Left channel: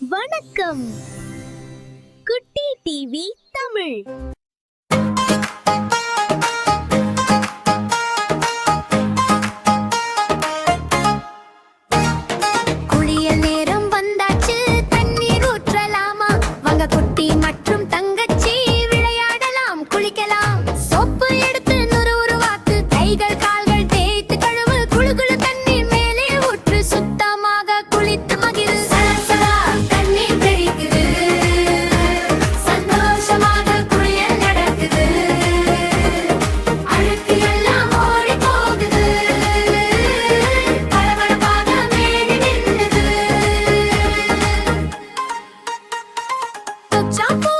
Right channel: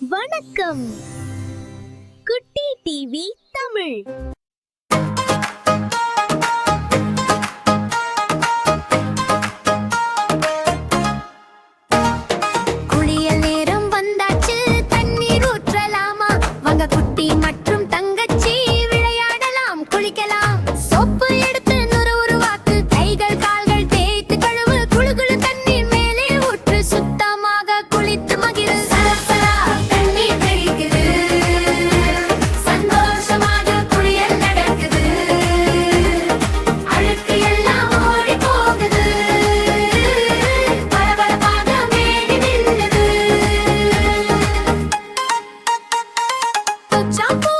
வணக்கம். குட்டி டிவி தமிழ். குளியல் நேரம் வந்தாச்சு, தண்ணீர் ஊற்றலாமா? வாங்க குட்டி மற்றும் தங்கச்சி விளையாடலாம், குளிக்கலாம். சோப்பு எடுத்து உருவாக்கு, கைகள் கால்கள் தேய்த்து கழுவு. குளு குளு தண்ணீர் மேலே ஊற்று, சுத்தமாக குளித்து மகிழ். சலசலா தண்ணீர் தெரிக்குது, சந்தோஷமாக குளியல் நடக்குது. அழுக்கு எல்லாம் ஓடி போகுது, பளபளப்பாக மேனி மின்னுது. ஷாம்பு